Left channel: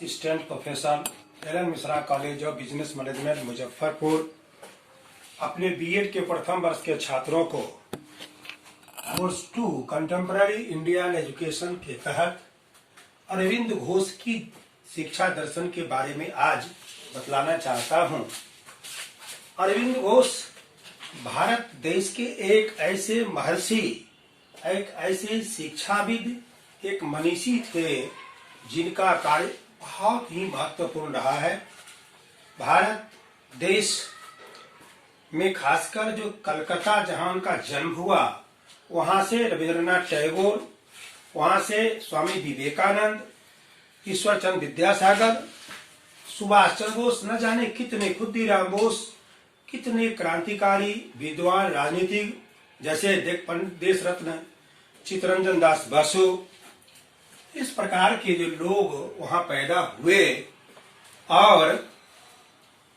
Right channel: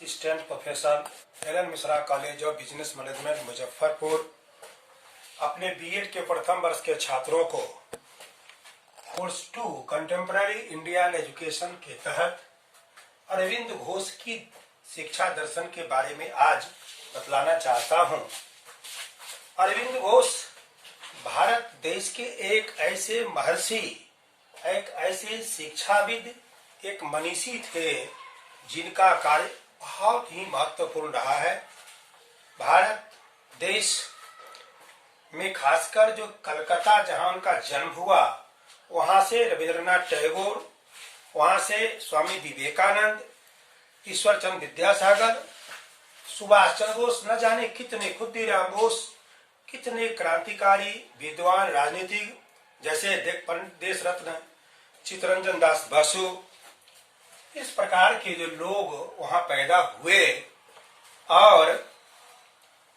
Assistant professor L N Mishra college of business management Muzaffarpur अपने BEd के प्रथम वर्ष के छात्रों को कोर्स 2 कंटेम्पररी इंडियन एजुकेशन के तहत अरविंद घोष की शिक्षा दर्शन के बारे में आज बतलाना चाहता हूं। अरविंद घोष भारत देश के एक ऐसे महर्षि, एक ऐसे शिक्षाविद, एक मनीषी थे जिनका कार्य बहुत ही महत्वपूर्ण रहा है। भारत देश में खासकर जो कलकत्ता जहां उनका जन्म हुआ, वहां से रविंद्रनाथ टैगोर, वहां से स्वामी विवेकानंद, ईश्वर चंद्र विद्यासागर, सुभाष चंद्र बोस, न जाने कितने, खुद्दीराम बोस, कितने क्रांतिकारी विद्वान राजनीतिक जैसे देश रत्न चित्तरंजन दास बसु, इस प्रकार के जो लोग वहां पैदा हुए। और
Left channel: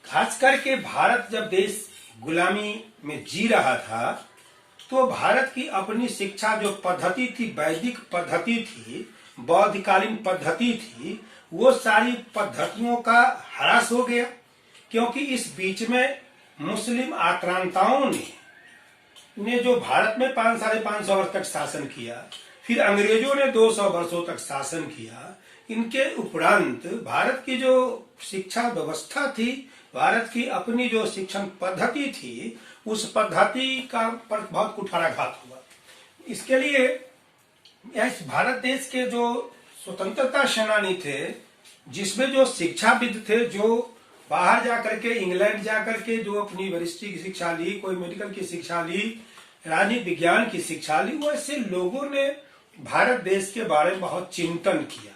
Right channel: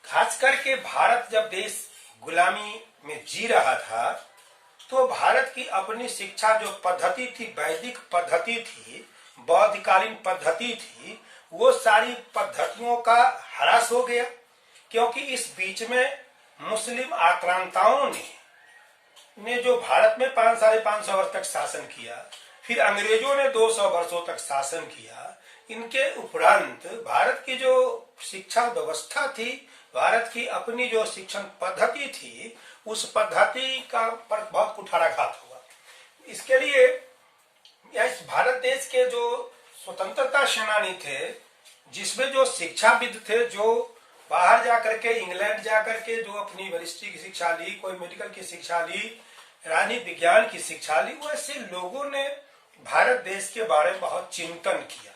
खास करके भारत जब देश गुलामी में जी रहा था तो भारत की अपनी शिक्षा जो पद्धति थी, वैदिक पद्धति थी, बौद्धकालीन पद्धति थी, वो सारी पद्धतियों का ह्रास हो गया, क्योंकि इस बीच में मुस्लिम आक्रांताओं ने जो भारत में 500-550 वर्ष तक शासन किया, फिर अंग्रेजों ने 200 वर्षों तक शासन किया। इनके उपरांत भारत की जो शिक्षा व्यवस्था थी, भारत की अपनी जो शिक्षण पद्धति थी, उस पद्धति का पर बहुत कुठाराघात हुआ। इसके लिए इस भारत देश के जो स्वतंत्रता सेनानी थे, जिसमें जो शिक्षाविद थे, जो बाहर जाकर के, इंग्लैंड जाकर के जो अपनी वरिष्ठ की शिक्षा ली, कोई मेडिकल की शिक्षा ली, राजनीति विज्ञान की शिक्षा ली, वैसे लोगों ने भारत देश के बारे में बहुत चिंतन किया।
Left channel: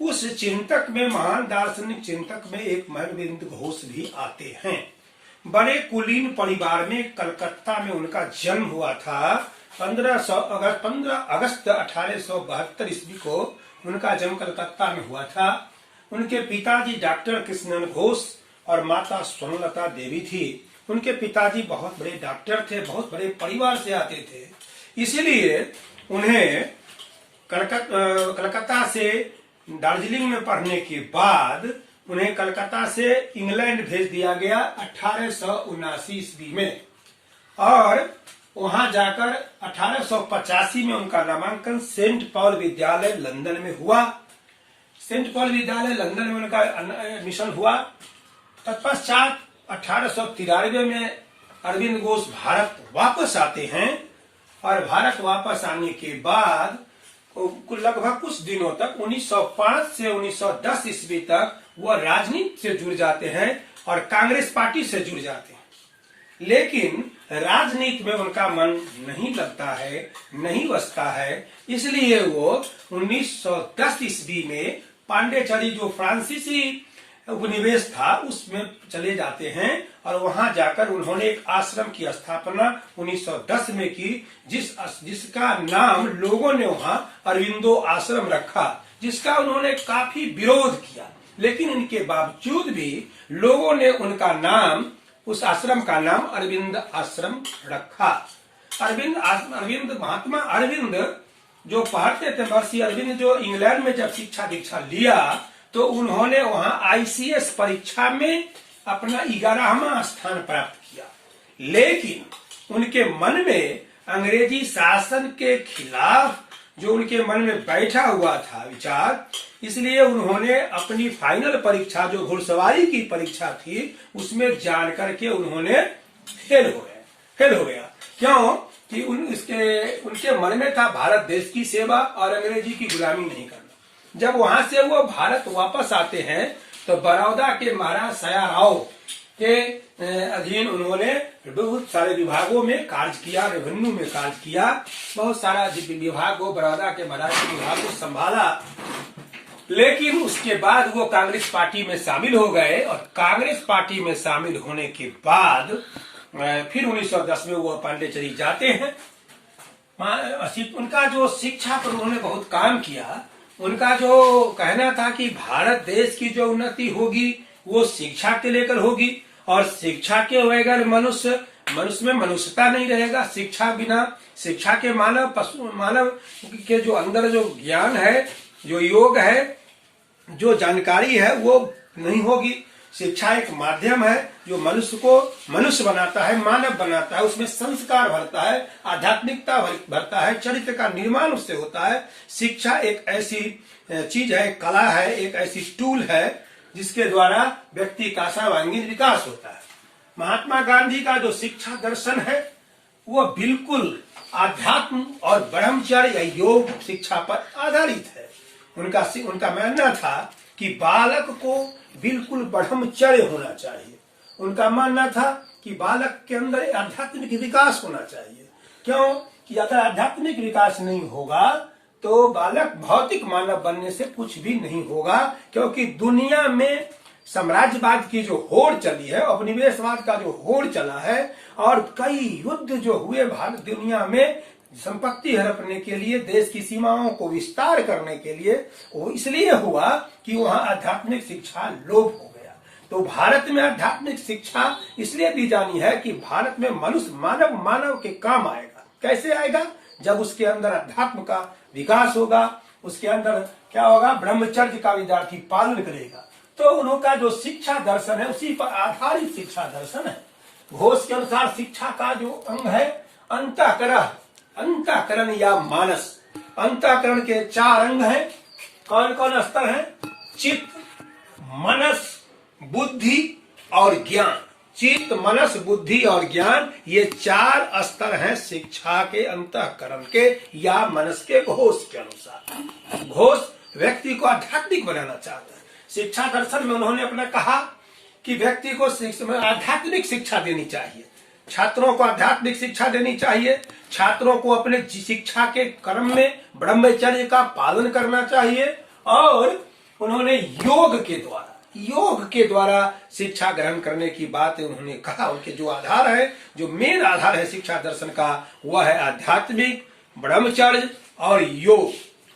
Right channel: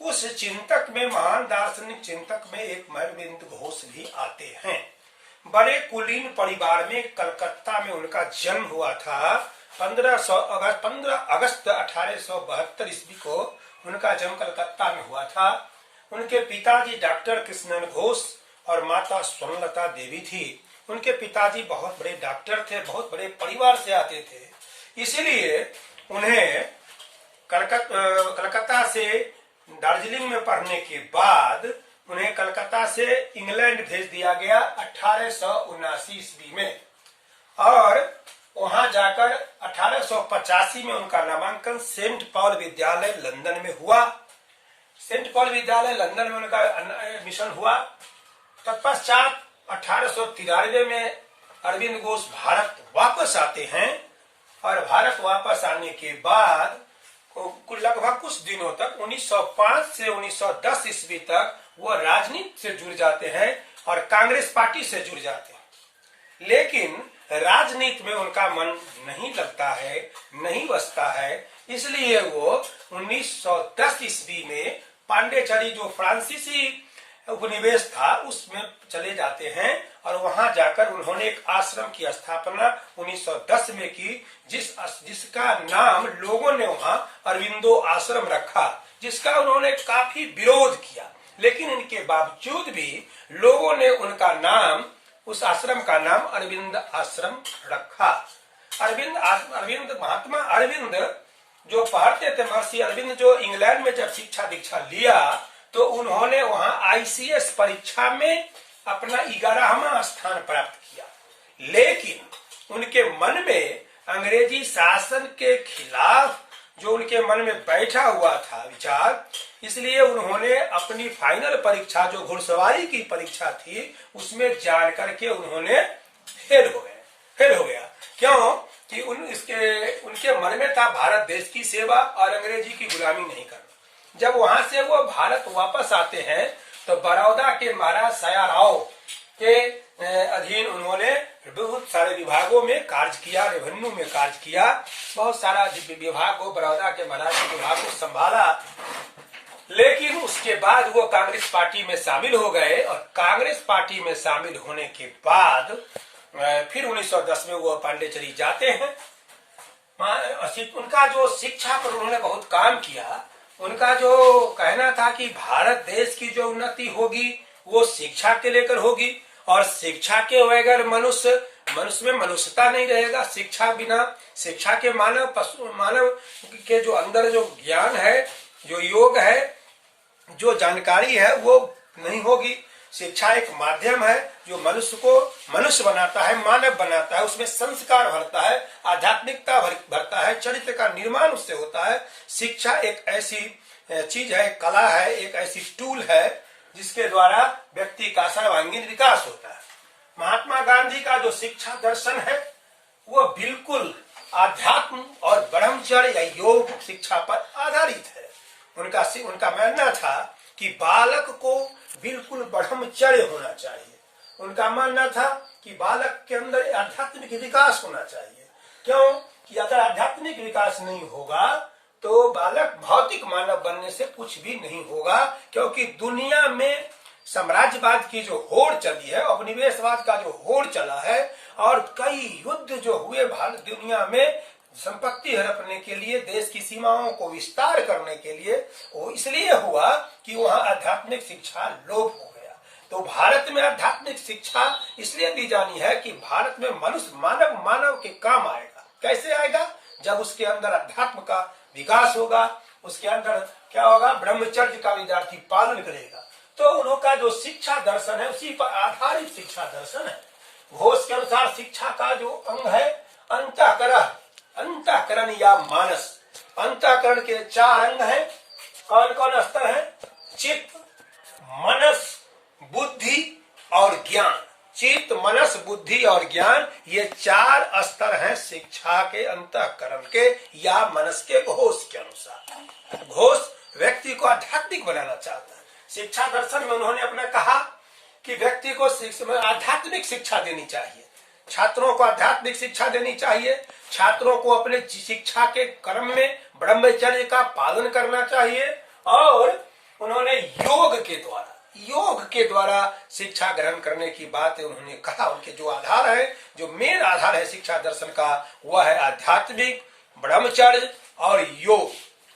उस चिंतक में, महान दार्शनिक चिंतक में एक अरविंद घोष भी आते हैं। बड़े कुलीन परिवार में कलकत्ता में उनका जन्म हुआ था। 15 अगस्त 1872 ईस्वी को उनका जन्म कलकत्ता में हुआ था। उनके पिताजी डॉक्टर कृष्णन घोष और माता स्वर्णलता देवी थी। उनके पिताजी बहुत बड़े डॉक्टर थे, बहुत बड़े परिवार से आते थे, इसलिए उन्हें कलकत्ता से दार्जिलिंग में पढ़ने के बाद उन्हें कलकत्ता से इंग्लैंड भेज दिया गया 1879 ईस्वी में। और वहां जाकर 1885 में उनका नामांकन सेंट पॉल विद्यालय लंदन में हुआ। सेंट पॉल विद्यालय लंदन में उनका एडमिशन हुआ। तत्पश्चात 1893 में अरविंद घोष भारत वापस आते हैं और भारत वापस आने के बाद लगभग कुछ दिनों तक 1905 से 1910 ईस्वी तक वह राजनीति से जुड़ जाते हैं और कांग्रेस पार्टी से जुड़ जाते हैं। लेकिन राजनीति में उनका मन नहीं लगता है, नहीं बसता है, इसलिए वो 1910 ईस्वी में पांडेचेरी जो फ्रांसीसी उपनिवेश था उसमें चले जाते हैं और वहां जाकर उन्होंने एक आश्रम की स्थापना 1910 में की, जिसका नाम लोगों ने वहां अरविंदो आश्रम रखा, जिसका उन्होंने काफी विरोध किया। लेकिन इनके बावजूद भी लोगों ने उनका नाम, उस आश्रम का नाम अरविंद आश्रम रखा। महात्मा अरविंद जो पढ़ते थे, महर्षि अरविंद जो इंग्लैंड में जब शिक्षा दीक्षा लिया तो उन्होंने वहां आईसीएस परीक्षा में अपना 11वां स्थान प्राप्त किया। लेकिन उनके मन में अंग्रेजी शासन के खिलाफ जो उनके मन में बैठा हुआ था विचार, इसलिए उन्होंने अपनी फाइनल परीक्षा जो घुड़सवारी की परीक्षा थी उसमें जान करके उन्होंने फेल हो गया। क्यों कि उनके मन में था भारत देश की सेवा और अंग्रेजी की गुलामी नहीं करना। जब वहां से वो भारत वापस आते हैं तो बड़ौदा के महाराज सया राव के अधीन उन्होंने बहुत सारे विभागों में कार्य किया, रेवेन्यू में कार्य किया, बहुत सारा विभागों, बड़ौदा के महाराज के विभाग को संभाला। लेकिन उसके बाद वो कांग्रेस पार्टी में शामिल हो गए और कांग्रेस पार्टी में शामिल होने के बाद फिर 1910 में वो पांडेचेरी जाते हैं। उनका जो शिक्षा पर उन्होंने बहुत काम किया। उनका जो कहना था कि भारत देश की जो उन्नति होगी वो शिक्षा के लेकर होगी और शिक्षा के बगैर मनुष्य में मनुष्यता नहीं रहेगा। शिक्षा के मानव के जो अंदर जो ज्ञान है, जो योग है, जो जानकारी है वो नहीं होगी। शिक्षा एक माध्यम है जो मनुष्य को मनुष्य बनाता है, मानव बनाता है, उसमें संस्कार भरता है, आध्यात्मिकता भरता है, चरित्र का निर्माण उससे होता है। शिक्षा एक ऐसी चीज है, एक कला है, एक ऐसी टूल है जिसके द्वारा व्यक्ति का सर्वांगीण विकास होता है। महात्मा गांधी का जो शिक्षा दर्शन है वो बिल्कुल आध्यात्म और ब्रह्मचर्य या योग शिक्षा पर आधारित है। उनका मानना था कि बालक को बिल्कुल ब्रह्मचर्य होना चाहिए। उनका मानना था कि बालक के अंदर आध्यात्मिक विकास होना चाहिए। क्यों कि अगर आध्यात्मिक विकास नहीं होगा तो बालक भौतिक मानव बनने से कुछ भी नहीं होगा, क्योंकि दुनिया में साम्राज्यवाद की जो होड़ चली है, उपनिवेशवाद का जो होड़ चला है और कई युद्ध जो हुए भारत दुनिया में संपत्ति हड़पने के लिए, देश की सीमाओं को विस्तार करने के लिए, वो इसलिए हुआ कि वहाँ आध्यात्मिक शिक्षा लोप हो गया। तो भारत में आध्यात्मिक शिक्षा इसलिए दी जानी है कि भारत में मनुष्य मानव के काम आएगा। कैसे आएगा? जब उसके अंदर अध्यात्म का विकास होगा, उसके अंदर क्या होगा? ब्रह्मचर्य का विद्यार्थी पालन करेगा। तो उनका जो शिक्षा दर्शन है उसी पर आधारित शिक्षा दर्शन है। घोष के अनुसार शिक्षा का जो अंग है अंतःकरण या मानस। अंतःकरण के 4 अंग हैं। कौन कौन स्तर है? चित्त, मनस, बुद्धि और ज्ञान। चित्त, मनस, बुद्धि और ज्ञान, ये 4 स्तर हैं शिक्षा के अंतःकरण के या मनस के घोष के अनुसार। घोष व्यक्ति को आध्यात्मिक बनाना चाहता है। शिक्षा दर्शन में उन्होंने अपना कहा कि व्यक्ति को आध्यात्मिक शिक्षा देनी चाहिए, छात्रों को आध्यात्मिक शिक्षा देनी चाहिए, छात्रों को अपने शिक्षा के क्रम में ब्रह्मचर्य का पालन करना चाहिए और उन्होंने योग के द्वारा शिक्षा ग्रहण करने की बात उन्होंने कहा। उनके जो आधार है, जो मेन आधार है शिक्षा दर्शन का, वह है आध्यात्मिक, ब्रह्मचर्य और योग।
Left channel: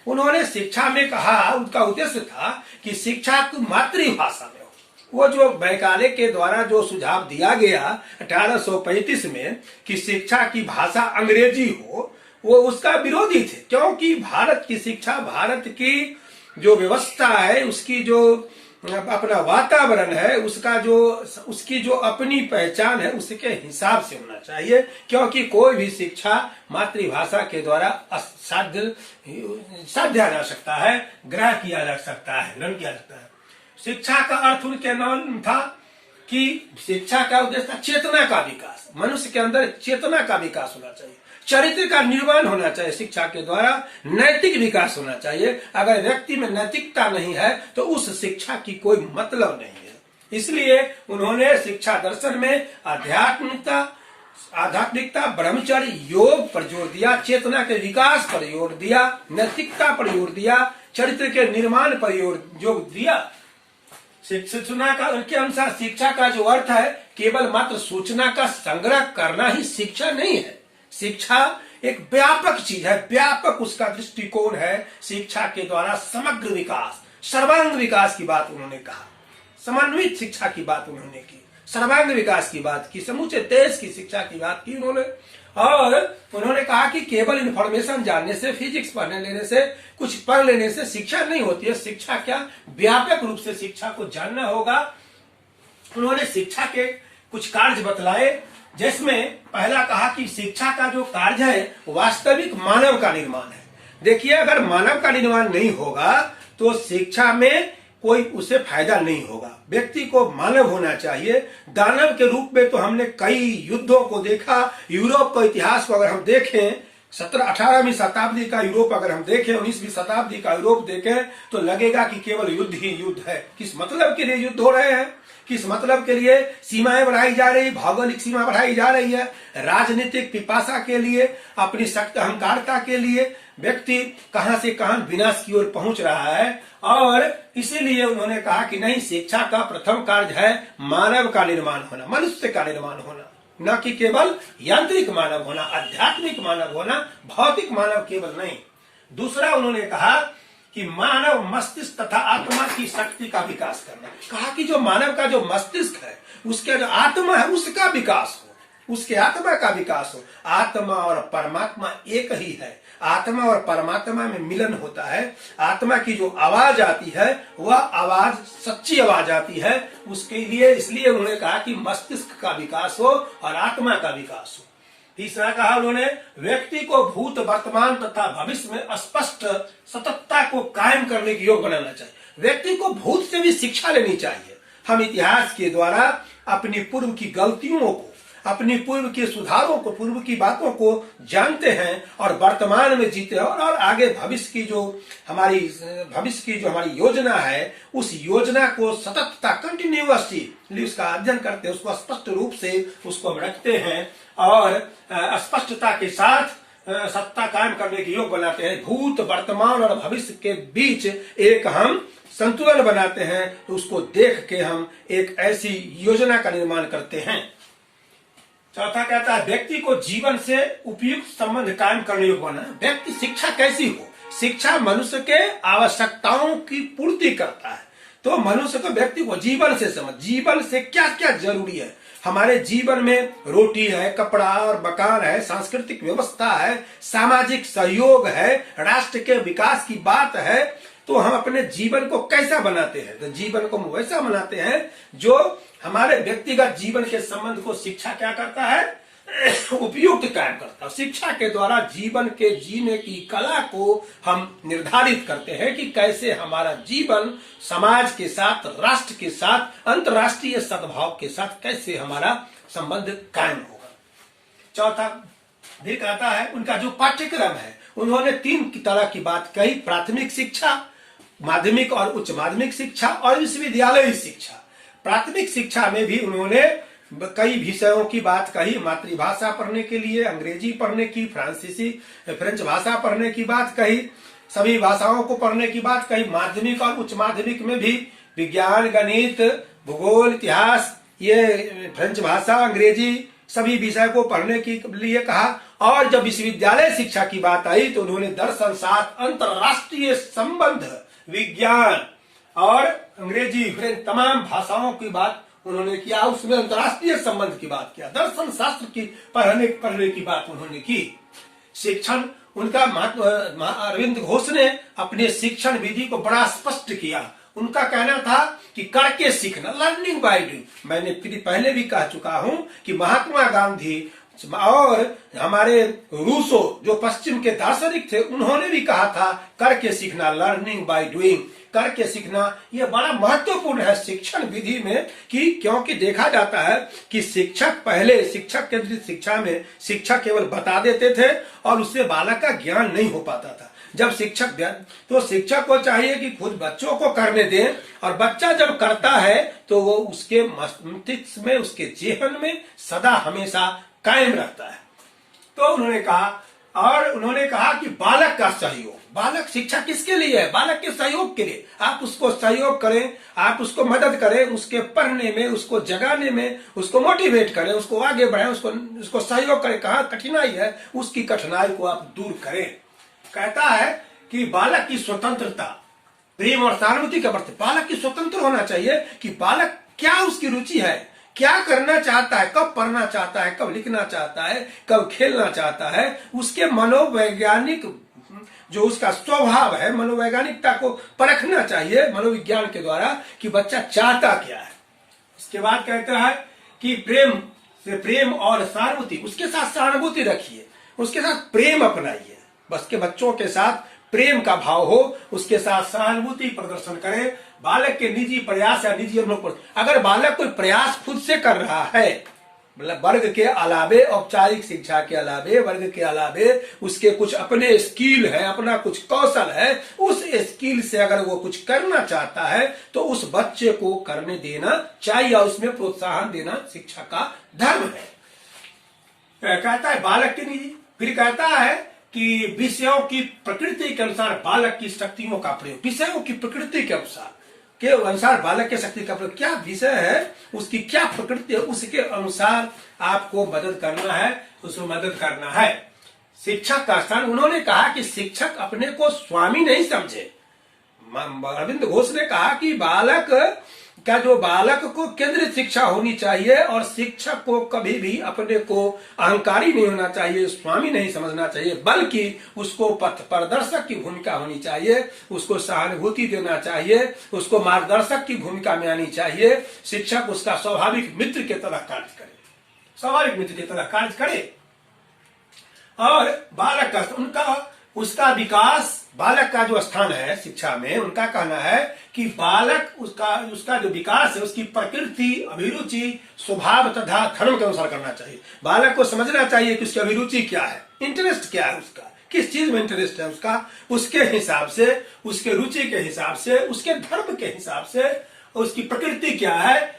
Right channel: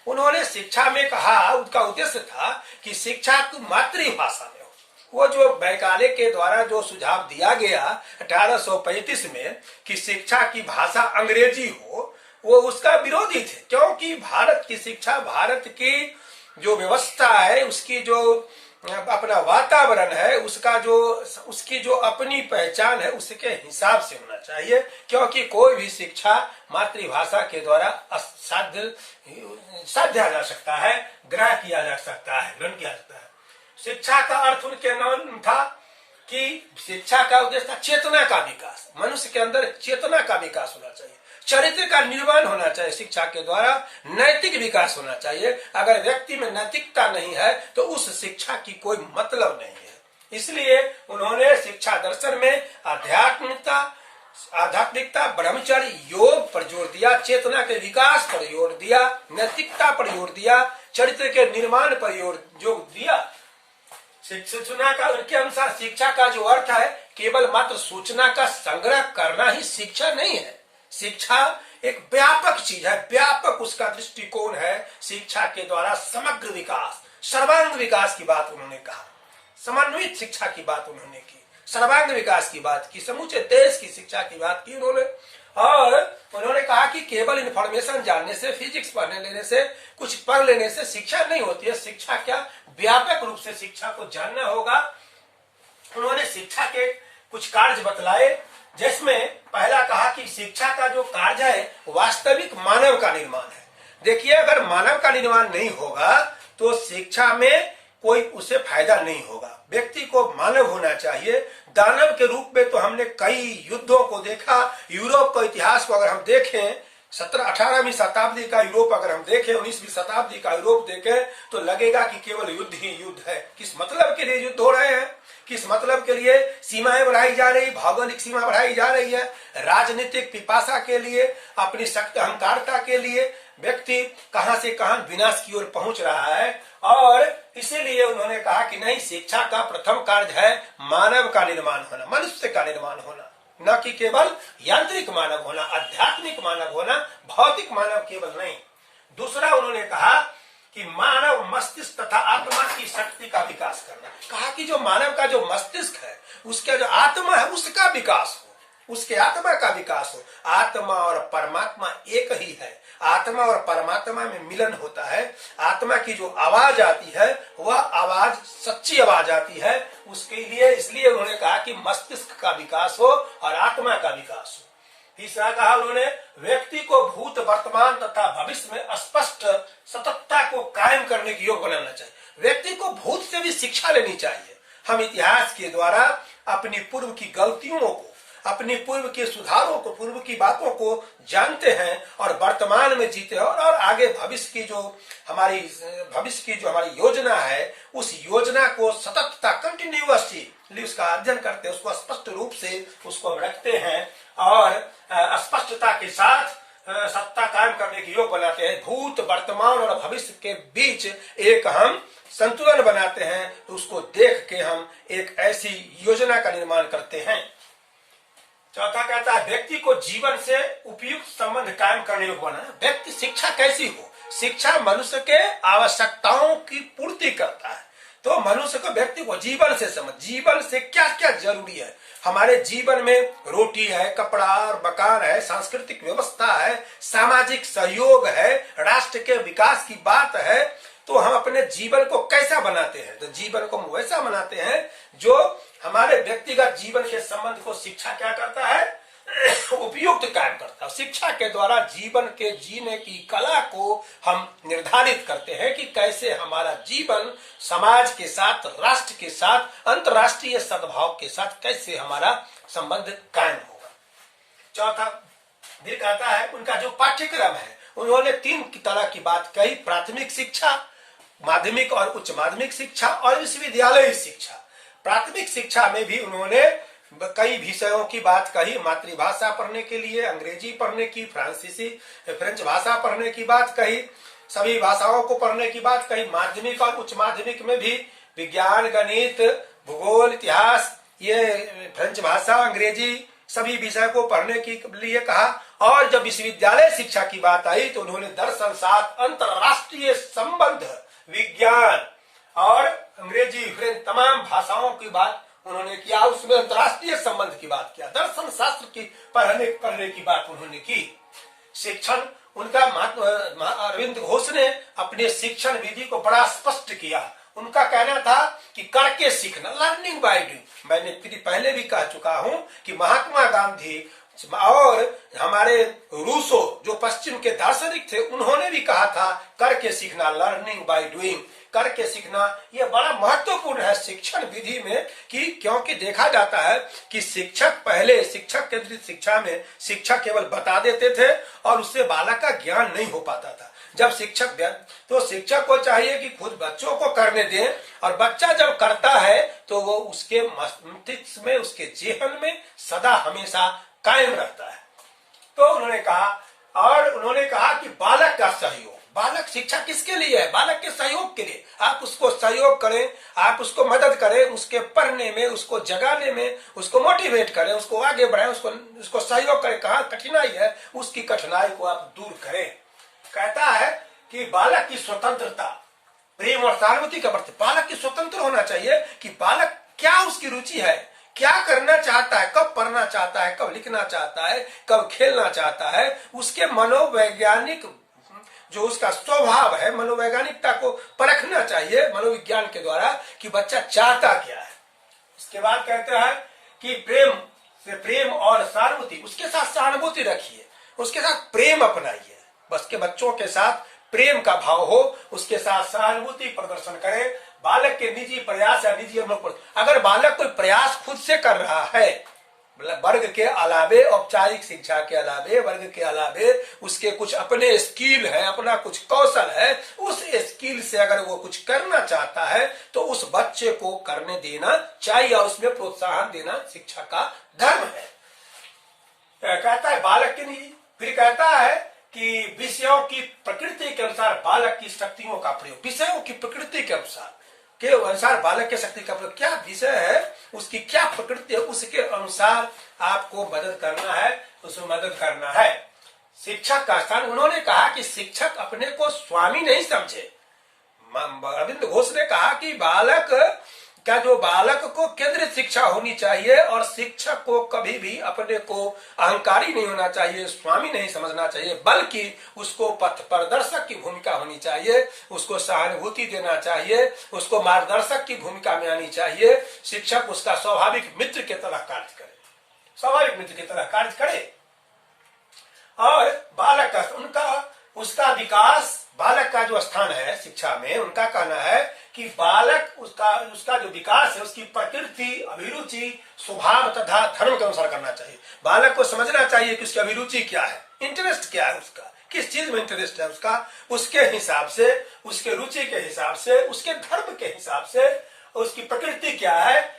उन्होंने शिक्षा में कहा, उनका उद्देश्य था कि शिक्षा की मातृभाषा में हो। वो जो मैकाले के द्वारा जो सुझाव दिया गया 1835 में कि शिक्षा की भाषा अंग्रेजी हो, वो उसका विरोधी थे, क्योंकि भारत की शिक्षा, भारत की जो व्यवस्था है, उसकी जो अपना वातावरण है, उसकी जो अपनी पहचान है, उसके हिसाब से होना चाहिए। क्योंकि कोई भी शिक्षा मातृभाषा के द्वारा साध्या जा सकता है, ग्रहण किया जा सकता है, ग्रहण किया जाता है। शिक्षा का अर्थ उनके नाम था कि शिक्षा का उद्देश्य था चेतना का विकास। मनुष्य के अंदर चेतना का विकास होना चाहिए, चरित्र का निर्माण होना चाहिए, शिक्षा के द्वारा नैतिक विकास होना चाहिए। अगर व्यक्ति में नैतिकता नहीं है तो उस शिक्षा की कोई मतलब नहीं है। इसलिए उन्होंने शिक्षा दर्शन में आध्यात्मिकता, ब्रह्मचर्य, योग पर जोर दिया, चेतना के विकास पर जोर दिया, नैतिकता पर जोर दिया, चरित्र के निर्माण पर जोर दिया। सूचना का के अनुसार शिक्षा का जो अर्थ है, केवल मात्र सूचना का संग्रह करना ही शिक्षा नहीं है। शिक्षा एक व्यापक चीज है, व्यापक उसका दृष्टिकोण है। शिक्षा के द्वारा समग्र विकास, सर्वांग विकास की बात उन्होंने कहा, समन्वित शिक्षा की बात उन्होंने की, सर्वांग विकास की बात की, समूचे देश की शिक्षा की बात की उन्होंने। और उन्होंने कहा कि केवल इन्फॉर्मेशन जानने से, फिजिक्स पढ़ने लेने से, कुछ पढ़ लेने से शिक्षा नहीं होती है। शिक्षा क्या, व्यापक रूप से शिक्षा को जानना होगा। उन्होंने शिक्षा के कुछ कार्य बतलाए, जिसमें पहला कहा कि शिक्षा का जो कार्य है वास्तविक मानव का निर्माण है। देखिए, अगर मानव का निर्माण नहीं होगा तो शिक्षा में कोई उसे फायदा नहीं होगा। व्यक्ति को मानव होना चाहिए। दानव के रूप में तो हमने कई युद्धों को देखा। यूरोप का इतिहास को अगर हम देखें, 18वीं शताब्दी का यूरोप अगर हम देखें, 19वीं शताब्दी का यूरोप देखें, तो लगेगा कि केवल युद्ध ही युद्ध है। किस मतलब के लिए युद्ध हो रहे हैं, किस मतलब के लिए सीमाएं बढ़ाई जा रही, भौगोलिक सीमा बढ़ाई जा रही है, राजनीतिक पिपासा के लिए, अपनी शक्ति अहंकारता के लिए व्यक्ति कहां से कहां विनाश की ओर पहुंच रहा है। और इसीलिए उन्होंने कहा कि नहीं, शिक्षा का प्रथम कार्य है मानव का निर्माण होना, मनुष्य का निर्माण होना, न कि केवल यांत्रिक मानव होना, आध्यात्मिक मानव होना, भौतिक मानव केवल नहीं। दूसरा उन्होंने कहा कि मानव मस्तिष्क तथा आत्मा की शक्ति का विकास करना। कहा कि जो मानव का जो मस्तिष्क है, उसका जो आत्मा है, उसका विकास हो। उसके आत्मा का विकास हो। आत्मा और परमात्मा एक ही है। आत्मा और परमात्मा में मिलन होता है। आत्मा की जो आवाज आती है वह आवाज सच्ची आवाज आती है। उसके लिए इसलिए उन्होंने कहा कि मस्तिष्क का विकास हो और आत्मा का विकास हो। तीसरा कहा उन्होंने, व्यक्ति को भूत, वर्तमान तथा भविष्य में स्पष्ट सततता को कायम करने के योग बनाना चाहिए। व्यक्ति को भूत से भी शिक्षा लेनी चाहिए। हम इतिहास के द्वारा अपनी पूर्व की गलतियों को, अपनी पूर्व के सुधारों को, पूर्व की बातों को जानते हैं और वर्तमान में जीते हैं और आगे भविष्य की जो हमारी योजना है, उस योजना को सततता, कंटिन्यूअसली उसका अध्ययन करते हैं, उसको स्पष्ट रूप से उसको हम रखते हैं और स्पष्टता के साथ सत्ता कायम करने के योग बनाते हैं। भूत, वर्तमान और भविष्य के बीच एक हम संतुलन बनाते हैं, तो उसको देख के हम एक ऐसी योजना का निर्माण करते हैं। चौथा कहता है, व्यक्ति को जीवन से उपयुक्त संबंध कायम करने योग्य बनाना। व्यक्ति शिक्षा कैसी हो? शिक्षा मनुष्य के आवश्यकताओं की पूर्ति करता है। तो मनुष्य को, व्यक्ति को जीवन से समझ, जीवन से क्या क्या जरूरी है। हमारे जीवन में रोटी है, कपड़ा और मकान है, सांस्कृतिक व्यवस्था है, सामाजिक सहयोग है, राष्ट्र के विकास की बात है। तो हम अपने जीवन को कैसा बनाते हैं? तो जीवन को हम वैसा बनाते हैं जो हमारे व्यक्तिगत जीवन के संबंध को शिक्षा क्या करता है? उपयुक्त कायम करता है। शिक्षा के द्वारा जीवन के जीने की कला को हम निर्धारित करते हैं कि कैसे हमारा जीवन समाज के साथ, राष्ट्र के साथ, अंतर्राष्ट्रीय सद्भाव के साथ कैसे हमारा संबंध कायम होगा। चौथा फिर कहता है, उनका जो पाठ्यक्रम है, उन्होंने 3 तरह की बात कही: प्राथमिक शिक्षा, माध्यमिक और उच्च माध्यमिक शिक्षा और विश्वविद्यालय शिक्षा। प्राथमिक शिक्षा में भी उन्होंने कई विषयों की बात कही। मातृभाषा पढ़ने के लिए अंग्रेजी पढ़ने की, फ्रेंच भाषा पढ़ने की बात कही, सभी भाषाओं को पढ़ने की बात कही। माध्यमिक और उच्च माध्यमिक में भी विज्ञान, गणित, भूगोल, इतिहास, ये फ्रेंच भाषा, अंग्रेजी, सभी विषय को पढ़ने के लिए कहा। और जब विश्वविद्यालय शिक्षा की बात आई तो उन्होंने दर्शन, शास्त्र, अंतरराष्ट्रीय संबंध, विज्ञान और अंग्रेजी, फ्रेंच, तमाम भाषाओं की बात उन्होंने किया। उसमें अंतर्राष्ट्रीय संबंध की बात किया, दर्शन शास्त्र की पढ़ने की बात उन्होंने की। शिक्षण, उनका अरविंद घोष ने अपने शिक्षण विधि को बड़ा स्पष्ट किया। उनका कहना था कि करके सीखना, लर्निंग बाय डूइंग। मैंने पहले भी कह चुका हूं कि महात्मा गांधी और हमारे रूसो जो पश्चिम के दार्शनिक थे, उन्होंने भी कहा था करके सीखना, लर्निंग बाय डूइंग। करके सीखना ये बड़ा महत्वपूर्ण है शिक्षण विधि में, कि क्योंकि देखा जाता है कि शिक्षक पहले शिक्षक केंद्रित शिक्षा में शिक्षक केवल बता देते थे और उससे बालक का ज्ञान नहीं हो पाता था। जब शिक्षक को चाहिए कि खुद बच्चों को करने दें, और बच्चा जब करता है तो वो उसके मस्तिष्क में, उसके जेहन में सदा हमेशा कायम रहता है। तो उन्होंने कहा कि बालक का सहयोग, बालक शिक्षा किसके लिए है? बालक के सहयोग के लिए। आप उसको सहयोग करें, आप उसको मदद करें, उसके पढ़ने में, उसको जगाने में, उसको मोटिवेट करें, उसको आगे बढ़ाएं, उसको सहयोग करें। कहाँ कठिनाई है, उसकी कठिनाई को आप दूर करें। कहता है कि बालक की स्वतंत्रता, प्रेम और सहानुभूति का अर्थ, बालक की स्वतंत्र होना चाहिए कि बालक क्या उसकी रुचि है, क्या करना चाहता है, कब पढ़ना चाहता है, कब लिखना चाहता है, कब खेलना चाहता है। उसके मनोवैज्ञानिक जो उसका स्वभाव है, मनोवैज्ञानिकता को परखना चाहिए मनोविज्ञान के द्वारा कि बच्चा चाहता क्या है। उसके बाद कहता है कि प्रेम और सहानुभूति, उसके साथ सहानुभूति रखिए, उसके साथ प्रेम अपनाइए। बस के बच्चों के साथ प्रेम का भाव हो, उसके साथ सहानुभूति प्रदर्शन करें। बालक के निजी प्रयास या निजी अनुभव पर, अगर बालक कोई प्रयास खुद से कर रहा है, मतलब वर्ग के अलावे, औपचारिक शिक्षा के अलावे, वर्ग के अलावे उसके कुछ अपने स्किल है, अपना कुछ कौशल है, उस स्किल से अगर वो कुछ करना चाहता है तो उस बच्चे को करने देना चाहिए और उसमें प्रोत्साहन देना शिक्षा का धर्म है। कहता है बालक के निजी, फिर कहता है कि विषयों की प्रकृति के अनुसार बालक की शक्तियों का प्रयोग, विषयों की प्रकृति के अनुसार बालक के शक्ति का प्रयोग, क्या विषय है, उसकी क्या प्रकृति है, उसके अनुसार आपको मदद करना है, उसको मदद करना है। शिक्षक का स्थान, उन्होंने कहा कि शिक्षक अपने को स्वामी नहीं समझे। अरविंद घोष ने कहा कि बालक क्या जो बालक को केंद्रित शिक्षा होनी चाहिए और शिक्षक को कभी भी अपने को अहंकारी नहीं होना चाहिए, स्वामी नहीं समझना चाहिए, बल्कि उसको पथ प्रदर्शक की भूमिका होनी चाहिए, उसको सहानुभूति देना चाहिए, उसको मार्गदर्शक की भूमिका में आनी चाहिए। शिक्षक उसका स्वाभाविक मित्र की तरह कार्य करे, स्वाभाविक मित्र की तरह कार्य करे। और बालक का उसका विकास, बालक का जो स्थान है शिक्षा में, उनका कहना है कि बालक उसका जो विकास है उसकी प्रकृति, अभिरुचि, स्वभाव तथा धर्म के अनुसार करना चाहिए। बालक को समझना चाहिए कि उसकी अभिरुचि क्या है, इंटरेस्ट क्या है, उसका किस चीज में इंटरेस्ट है, उसके हिसाब से, उसके रुचि के हिसाब से, उसके धर्म के हिसाब से, उसकी प्रकृति क्या है,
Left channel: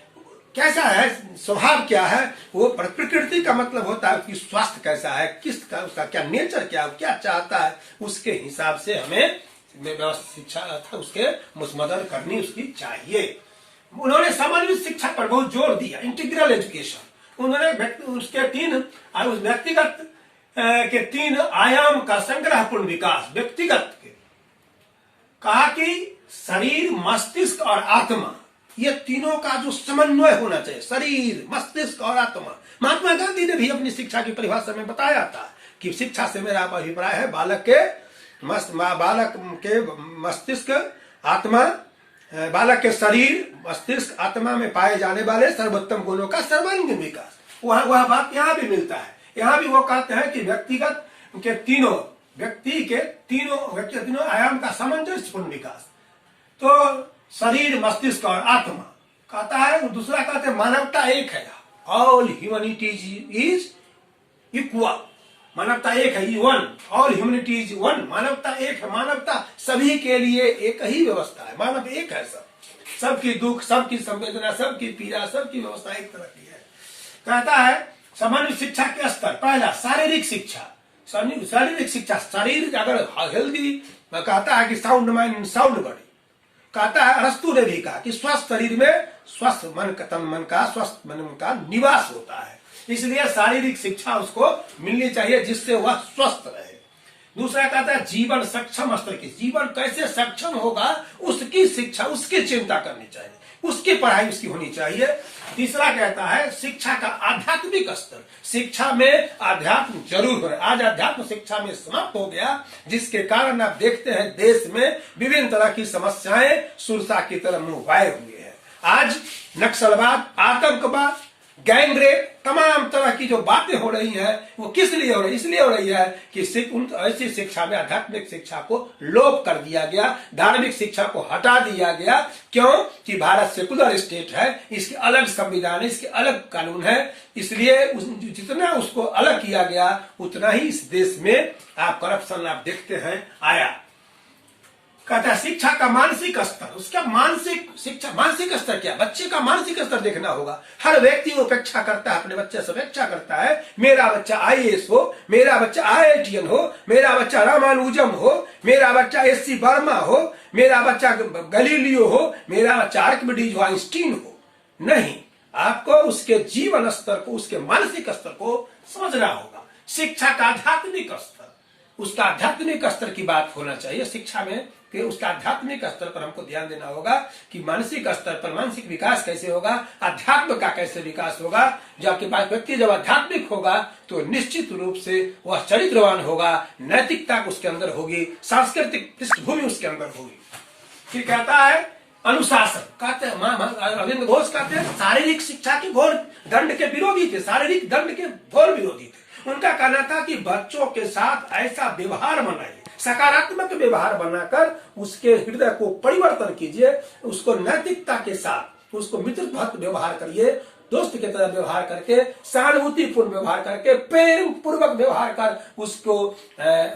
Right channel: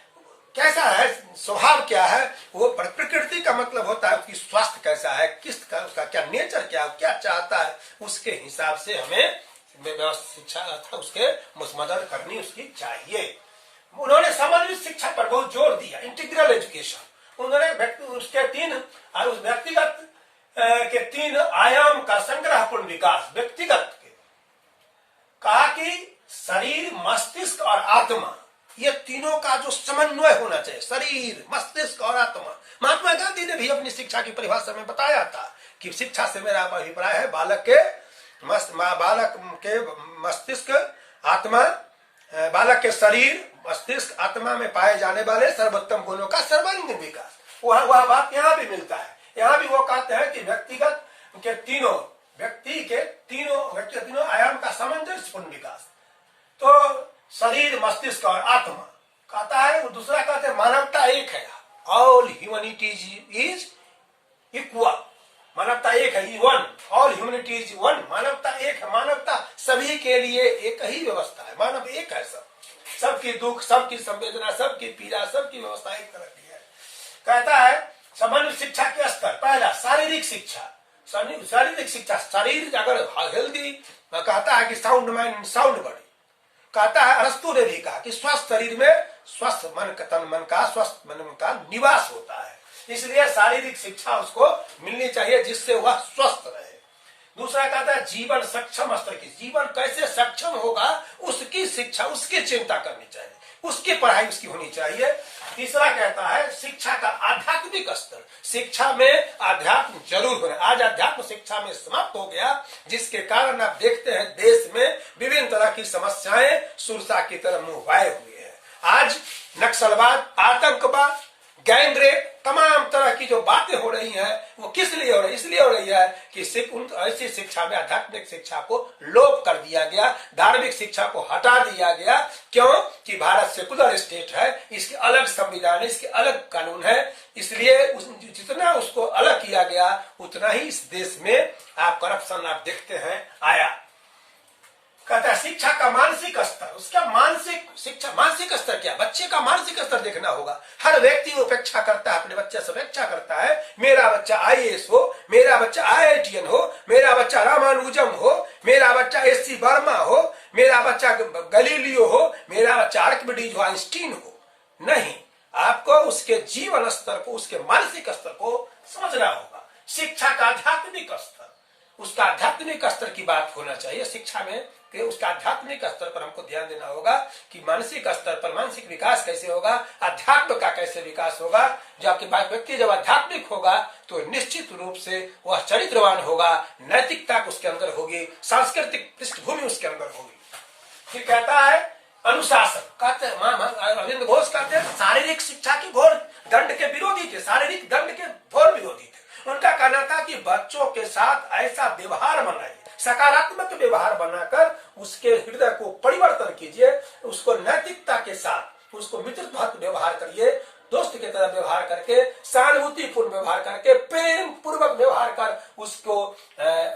कैसा है, स्वभाव क्या है। वो प्रकृति का मतलब होता है उसकी स्वास्थ्य कैसा है, उसका क्या नेचर क्या है, क्या चाहता है, उसके हिसाब से हमें शिक्षा अर्थात उसके मदद करनी उसकी चाहिए। उन्होंने समन्वित शिक्षा पर बहुत जोर दिया, इंटीग्रल एजुकेशन। उन्होंने उसके उस व्यक्तिगत के 3 आयाम का संग्रहपूर्ण विकास, व्यक्तिगत के कहा कि शरीर, मस्तिष्क और आत्मा, ये तीनों का जो समन्वय होना चाहिए, शरीर, मस्तिष्क और आत्मा। महात्मा गांधी ने भी अपनी शिक्षा की परिभाषा में बताया था कि शिक्षा से मेरा अभिप्राय है बालक के मस्तिष्क, आत्मा, बालक के शरीर, मस्तिष्क, आत्मा में पाए जाने वाले सर्वोत्तम गुणों का सर्वांगीण विकास। वह बात यहाँ भी मिलता है। यहाँ भी वो कहते हैं कि व्यक्तिगत के तीनों आयाम का सामंजस्यपूर्ण विकास। तो शरीर, मस्तिष्क और आत्मा कहता है। दूसरा कहते हैं मानवता एक है, ऑल ह्यूमैनिटीज इज इक्वल। मानवता एक है, one, all humanity is one. मानवता एक है, मानवता सभी के लिए एक ही व्यवस्था है, मानव एक है, सबकी दुख, सबकी संवेदना, सबकी पीड़ा, सबकी व्यवस्था एक तरह की है। कहता है सामान्य शिक्षा के स्तर, पहला शारीरिक शिक्षा, शारीरिक शिक्षा, शरीर अगर हेल्दी, कहता है कि sound mind and sound body. कहता है अरस्तु ने भी कहा कि स्वस्थ शरीर में स्वस्थ मन का स्वस्थ मन का निवास होता है, इसलिए शारीरिक शिक्षा उसको मिलनी चाहिए जिससे वह स्वस्थ रहे। दूसरा कहता है जीवन सक्षम स्तर की, जीवन कैसे सक्षम होगा उसकी शिक्षा, उसकी चिंता करनी चाहिए, उसकी पढ़ाई उसकी होनी चाहिए। तीसरा कहता है शिक्षा का आध्यात्मिक स्तर, शिक्षा में आध्यात्म जरूर हो रहा है। आज आध्यात्म शिक्षा में समाप्त हो गया, जिसके कारण आप देखते हैं देश में विभिन्न तरह की समस्याएं सुरसा की तरफ मुंह वाए हुए हैं। आज नक्सलवाद, आतंकवाद, गैंगरेप, तमाम तरह की जो बातें हो रही हैं वो किस लिए हो रही है? इसलिए हो रही है कि ऐसी शिक्षा में आध्यात्मिक शिक्षा को लोप कर दिया गया, धार्मिक शिक्षा को हटा दिया गया। क्यों? कि भारत सेकुलर स्टेट है, इसके अलग संविधान है, इसके अलग कानून है, इसलिए जितना उसको अलग किया गया उतना ही इस देश में आप करप्शन आप देखते हैं आया। कहता है शिक्षा का मानसिक स्तर, उसका मानसिक स्तर क्या? बच्चे का मानसिक स्तर देखना होगा। हर व्यक्ति अपेक्षा करता है, अपने बच्चे से अपेक्षा करता है मेरा बच्चा IAS हो, मेरा बच्चा IITN हो, मेरा बच्चा रामानुजम हो, मेरा बच्चा SC वर्मा हो, मेरा बच्चा गलीलियो हो, मेरा बच्चा आर्किमिडीज हो, आइंस्टीन हो। नहीं, आपको उसके जीवन स्तर को, उसके मानसिक स्तर को समझना होगा। शिक्षा का आध्यात्मिक स्तर, उसका आध्यात्मिक स्तर की बात होना चाहिए शिक्षा में, कि उसका आध्यात्मिक स्तर पर हमको ध्यान देना होगा कि मानसिक स्तर पर मानसिक विकास कैसे होगा, अध्यात्म का कैसे विकास होगा। जब आपके पास व्यक्ति जब आध्यात्मिक होगा तो निश्चित रूप से वह चरित्रवान होगा, नैतिकता उसके अंदर होगी, सांस्कृतिक पृष्ठभूमि उसके अंदर होगी। फिर कहता है अनुशासन, कहते हैं अरविंद घोष कहते हैं शारीरिक शिक्षा के घोर दंड के विरोधी थे, शारीरिक दंड के घोर विरोधी थे। उनका कहना था कि बच्चों के साथ ऐसा व्यवहार बनाइए, सकारात्मक व्यवहार बनाकर उसके हृदय को परिवर्तन कीजिए, उसको नैतिकता के साथ उसको मित्रवत व्यवहार करिए, दोस्त की तरह व्यवहार करके, सहानुभूतिपूर्ण व्यवहार करके, प्रेम पूर्वक व्यवहार कर उसको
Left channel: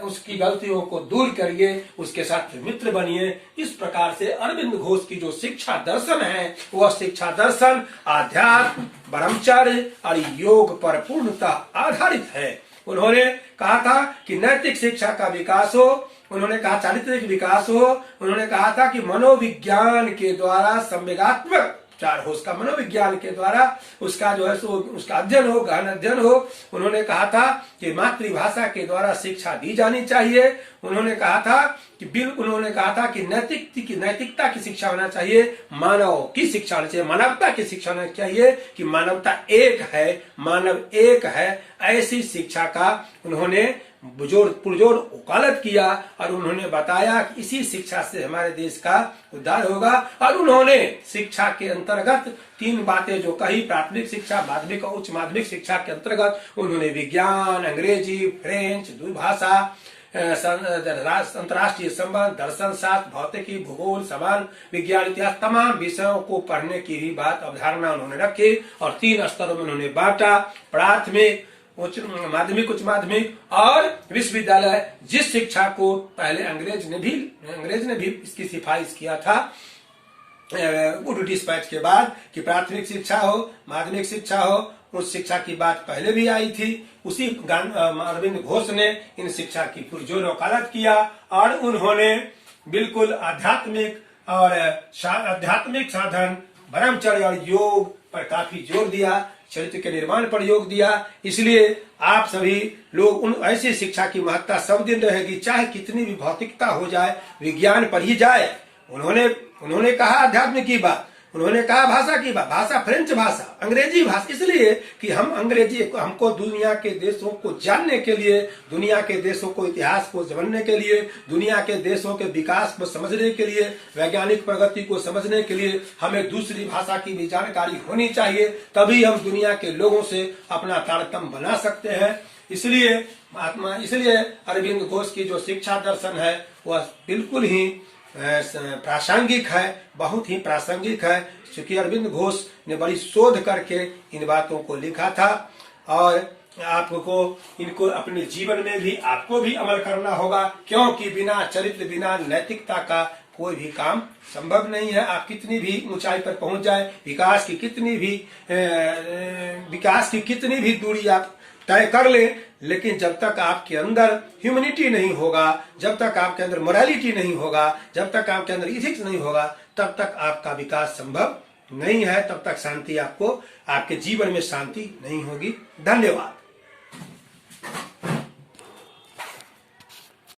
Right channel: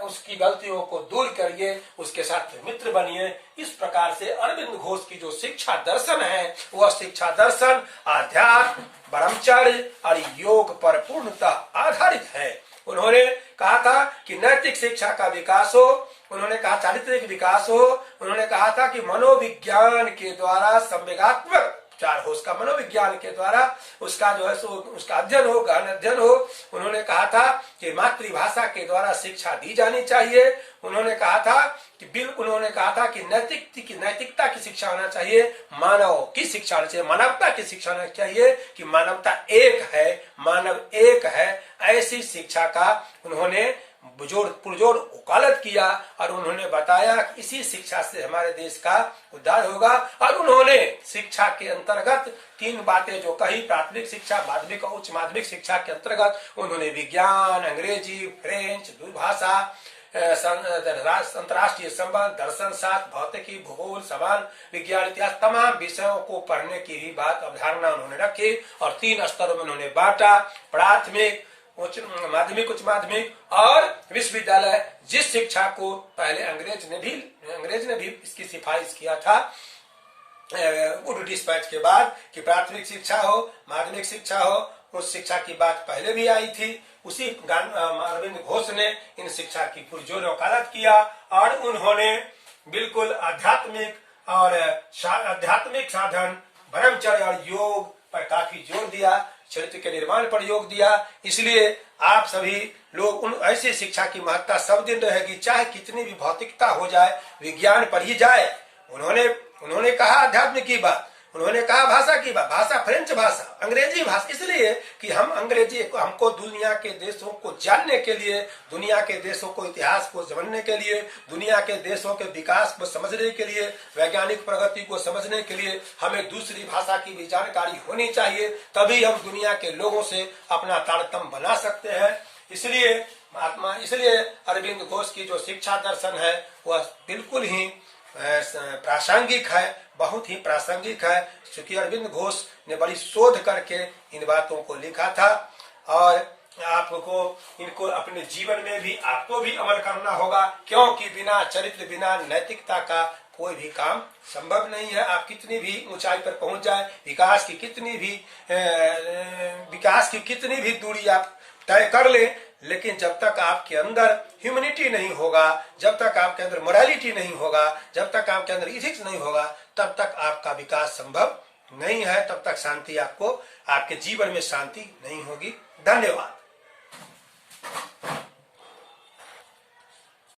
उसकी गलतियों को दूर करिए, उसके साथ मित्र बनिए। इस प्रकार से अरविंद घोष की जो शिक्षा दर्शन है वह शिक्षा दर्शन आध्यात्म, ब्रह्मचर्य और योग पर पूर्णतः आधारित है। उन्होंने कहा था कि नैतिक शिक्षा का विकास हो, उन्होंने कहा चारित्रिक विकास हो, उन्होंने कहा था कि मनोविज्ञान के द्वारा संवेगात्मक चार हो, उसका मनोविज्ञान के द्वारा उसका जो है सो उसका अध्ययन हो, गहन अध्ययन हो। उन्होंने कहा था कि मातृभाषा के द्वारा शिक्षा दी जानी चाहिए। उन्होंने कहा था कि नैतिकता की शिक्षा होना चाहिए, मानव की शिक्षा होनी चाहिए, मानवता की शिक्षा होनी चाहिए कि मानवता एक है, मानव एक है। ऐसी शिक्षा का उन्होंने पुरजोर वकालत किया और उन्होंने बताया कि इसी शिक्षा से हमारे देश का उद्धार होगा। और उन्होंने शिक्षा के अंतर्गत 3 बातें जो कही, प्राथमिक शिक्षा, माध्यमिक और उच्च माध्यमिक शिक्षा के अंतर्गत उन्होंने विज्ञान, अंग्रेजी, फ्रेंच, दूरभाषा, अंतर्राष्ट्रीय संबंध, दर्शन शास्त्र, भौतिकी, भूगोल, समाज विज्ञान, इतिहास, तमाम विषयों को पढ़ने की भी बात अवधारणा उन्होंने रखी और 3 स्तरों में उन्होंने बांटा, प्राथमिक, उच्च माध्यमिक और विश्वविद्यालय। जिस शिक्षा को पहले अंग्रेज ने भी इसकी सिफारिश किया था वुड डिस्पैच के बाद कि प्राथमिक शिक्षा हो, माध्यमिक शिक्षा हो, उस शिक्षा की बात पहले भी आई थी। उसी अरविंद घोष ने इन शिक्षा की पुरजोर वकालत किया और उन्होंने बिल्कुल आध्यात्मिक साधन, ब्रह्मचर्य और योग पर काफी जोर दिया, चरित्र के निर्माण पर योग दिया। इसलिए आप सभी लोग उन ऐसी शिक्षा की महत्ता सब दिन रहेगी, चाहे कितनी भी भौतिकता हो जाए, विज्ञान पढ़ी जाए। उन्होंने कहा अध्यात्म की बात, उन्होंने कहा भाषा की बात, भाषा फ्रेंच भाषा, अंग्रेजी भाषा, इसलिए कि हमको दुनिया के देशों को जानने के लिए, दुनिया के देशों को इतिहास को जानने के लिए, दुनिया के देशों के विकास को समझने के लिए, वैज्ञानिक प्रगति को समझने के लिए हमें दूसरी भाषा की भी जानकारी होनी चाहिए। तभी हम दुनिया के लोगों से अपना तारतम्य बना सकते हैं। इसलिए अरविंद घोष की जो शिक्षा दर्शन है वह बिल्कुल ही प्रासंगिक है, बहुत ही प्रासंगिक है, क्योंकि अरविंद घोष ने बड़ी शोध करके इन बातों को लिखा था और इनको अपने जीवन में भी आपको भी अमल करना होगा, क्योंकि बिना चरित्र, बिना नैतिकता का कोई भी काम संभव नहीं है। आप कितनी भी ऊंचाई पर पहुंच जाए, विकास की कितनी भी दूरी आप तय कर ले, लेकिन जब तक आपके अंदर ह्यूमैनिटी नहीं होगा, जब तक आपके अंदर मोरालिटी नहीं होगा, जब तक आपके अंदर इथिक्स नहीं होगा, तब तक आपका विकास संभव नहीं है, तब तक शांति आपके जीवन में शांति नहीं होगी। धन्यवाद।